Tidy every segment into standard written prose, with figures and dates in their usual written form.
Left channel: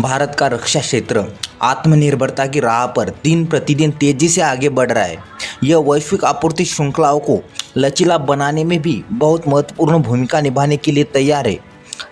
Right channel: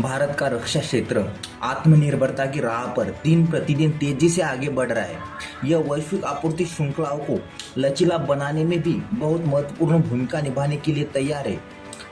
भारत का रक्षा क्षेत्र आत्मनिर्भरता की राह पर दिन प्रतिदिन तेजी से आगे बढ़ रहा है। यह वैश्विक आपूर्ति श्रृंखलाओं को लचीला बनाने में भी बहुत महत्वपूर्ण भूमिका निभाने के लिए तैयार है।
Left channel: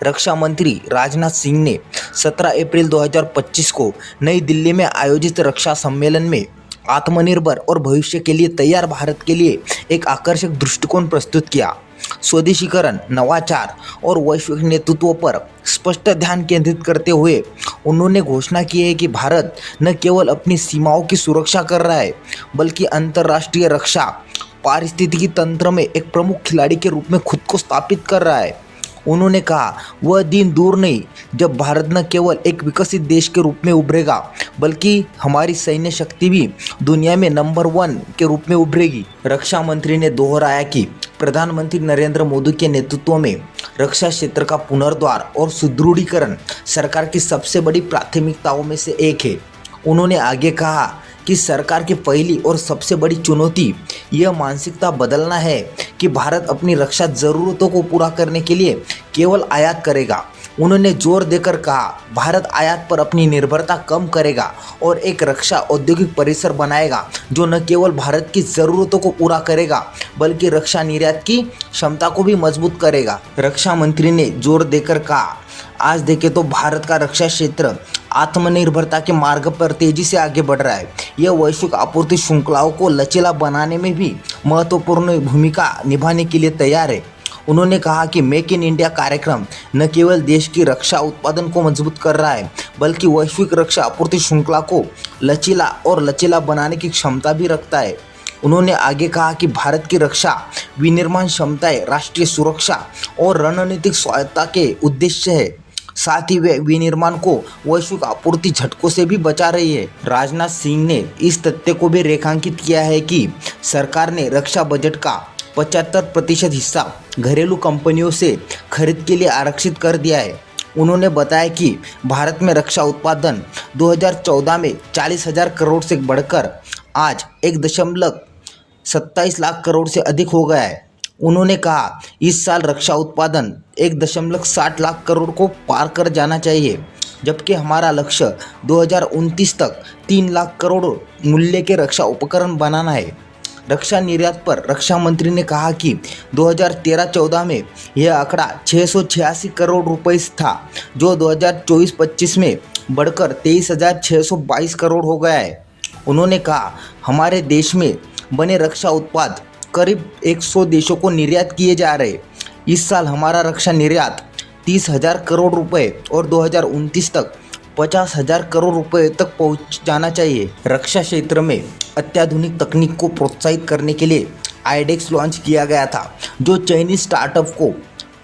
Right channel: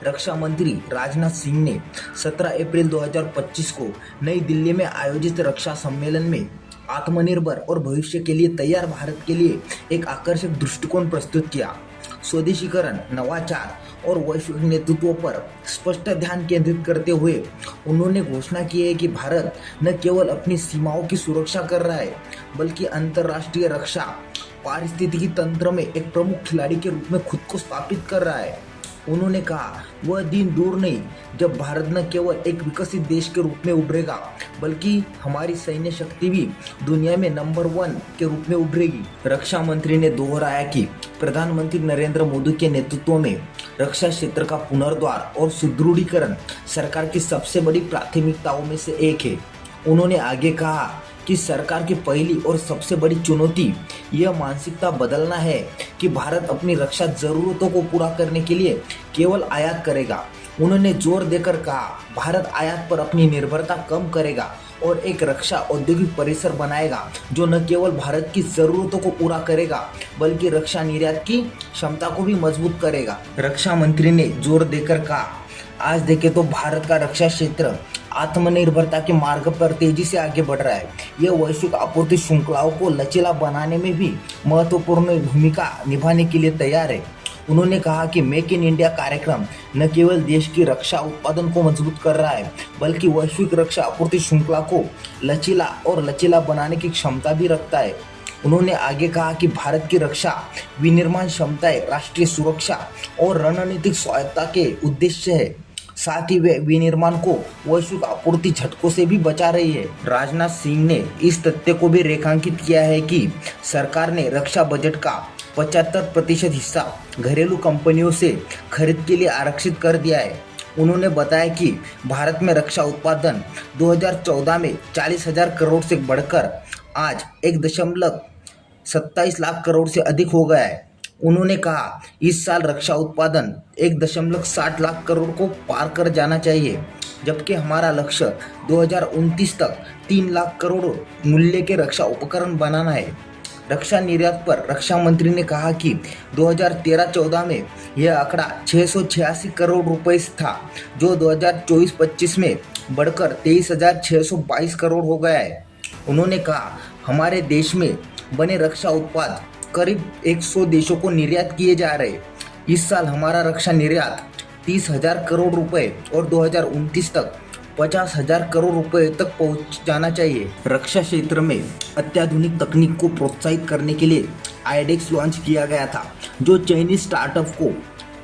रक्षा मंत्री राजनाथ सिंह ने 17 अप्रैल 2025 को नई दिल्ली में आयोजित रक्षा सम्मेलन में आत्मनिर्भर और भविष्य के लिए तैयार भारत के लिए एक आकर्षक दृष्टिकोण प्रस्तुत किया। स्वदेशीकरण, नवाचार और वैश्विक नेतृत्व पर स्पष्ट ध्यान केंद्रित करते हुए उन्होंने घोषणा की है कि भारत न केवल अपनी सीमाओं की सुरक्षा कर रहा है, बल्कि अंतर्राष्ट्रीय रक्षा पारिस्थितिकी तंत्र में एक प्रमुख खिलाड़ी के रूप में खुद को स्थापित कर रहा है। उन्होंने कहा, वह दिन दूर नहीं जब भारत न केवल एक विकसित देश के रूप में उभरेगा, बल्कि हमारी सैन्य शक्ति भी दुनिया में नंबर 1 के रूप में उभरेगी। रक्षा मंत्री ने दोहराया कि प्रधानमंत्री नरेंद्र मोदी के नेतृत्व में रक्षा क्षेत्र का पुनर्द्वार और सुदृढ़ीकरण सरकार की सबसे बड़ी प्राथमिकताओं में से एक है। उन्होंने आगे कहा कि सरकार की पहली और सबसे बड़ी चुनौती यह मानसिकता बदलना है कि भारत अपनी रक्षा ज़रूरतों को पूरा करने के लिए केवल आयात करेगा। उन्होंने जोर देकर कहा, भारत आयात पर अपनी निर्भरता कम करेगा और एक रक्षा औद्योगिक परिसर बनाएगा जो न केवल भारत की ज़रूरतों को पूरा करेगा, बल्कि रक्षा निर्यात की क्षमता को भी मजबूत करेगा। रक्षा मंत्री ने जोर देकर कहा, आज देखें तो भारत का रक्षा क्षेत्र आत्मनिर्भरता के मार्ग पर तेजी से आगे बढ़ रहा है। यह वैश्विक आपूर्ति श्रृंखलाओं को लचीला बनाने में भी महत्वपूर्ण भूमिका निभाने के लिए तैयार है। उन्होंने कहा कि मेक इन इंडिया कार्यक्रम न केवल देश की रक्षा उत्पादन को मजबूत कर रहा है, बल्कि वैश्विक रक्षा आपूर्ति श्रृंखला को लचीला बनाने की क्षमता भी रखता है। उन्होंने आगे कहा कि भारत की रक्षा विनिर्माण क्षमताएं राष्ट्रीय सुरक्षा और रणनीतिक स्वायत्तता के उद्देश्य है, साथ ही वे विनिर्माण को वैश्विक आपूर्ति झटकों से भी बचा रही है। राजनाथ सिंह ने इस तथ्य को भी रेखांकित किया है कि सरकार ने रक्षा बजट का 75% हिस्सा घरेलू कंपनियों से खरीद के लिए आरक्षित कर दिया है। उन्होंने बताया कि भारत में रक्षा उत्पादन 2014 में 40,000 करोड़ से बढ़कर आज 1.27 लाख करोड़ से अधिक हो गया है। उन्होंने कहा, इस साल रक्षा उत्पादन 1.60 लाख करोड़ को पार कर जाना चाहिए, जबकि हमारा लक्ष्य 2029 तक 3 लाख करोड़ मूल्य के रक्षा उपकरण बनाना है। रक्षा निर्यात पर रक्षा मंत्री ने कहा कि 2013-14 में यह आंकड़ा 686 करोड़ रुपए था, जो 2024-25 में बढ़कर 23,622 करोड़ हो गया है। उन्होंने कहा, हमारे देश में बने रक्षा उत्पाद करीब 100 देशों को निर्यात किए जा रहे। इस साल हमारा रक्षा निर्यात 30,000 करोड़ रुपए और 2029 तक 50,000 करोड़ रुपए तक पहुंच जाना चाहिए। रक्षा क्षेत्र में अत्याधुनिक तकनीक को प्रोत्साहित करने के लिए आईडेक्स लॉन्च किया गया था, जो चाइनीज स्टार्टअप को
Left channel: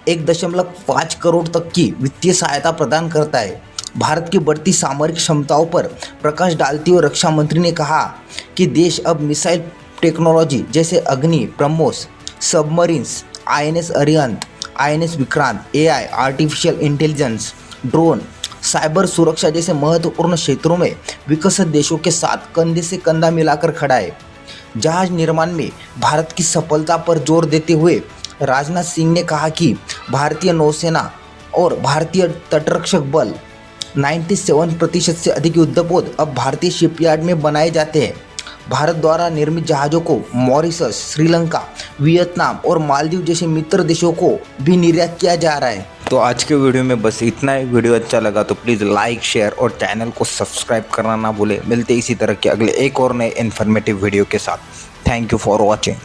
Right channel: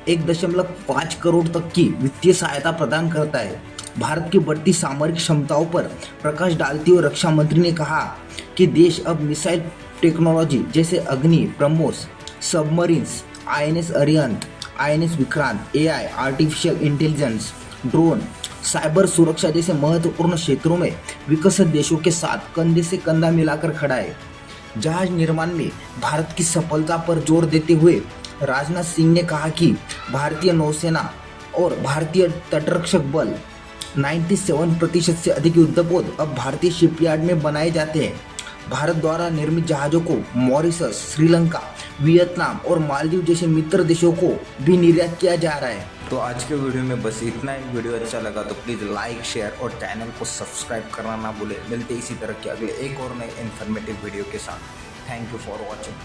1.5 करोड़ तक की वित्तीय सहायता प्रदान करता है। भारत की बढ़ती सामरिक क्षमताओं पर प्रकाश डालते हुए रक्षा मंत्री ने कहा कि देश अब मिसाइल टेक्नोलॉजी जैसे अग्नि, BrahMos, submarines, INS Arihant, INS Vikrant, AI, artificial intelligence, drone, cyber सुरक्षा जैसे महत्वपूर्ण क्षेत्रों में विकसित देशों के साथ कंधे से कंधा मिलाकर खड़ा है। जहाज निर्माण में भारत की सफलता पर जोर देते हुए राजनाथ सिंह ने कहा कि भारतीय नौसेना और भारतीय तटरक्षक बल 97% से अधिक युद्धपोत अब भारतीय शिपयार्ड में बनाए जाते हैं। भारत द्वारा निर्मित जहाज़ों को मॉरिशस, श्रीलंका, वियतनाम और मालदीव जैसे मित्र देशों को भी निर्यात किया जा रहा है। तो आज के वीडियो में बस इतना ही। वीडियो अच्छा लगा तो प्लीज़ लाइक, शेयर और चैनल को सब्सक्राइब करना ना भूलें। मिलते इसी तरह के अगले एक और नए इन्फॉर्मेटिव वीडियो के साथ। Thank you for watching.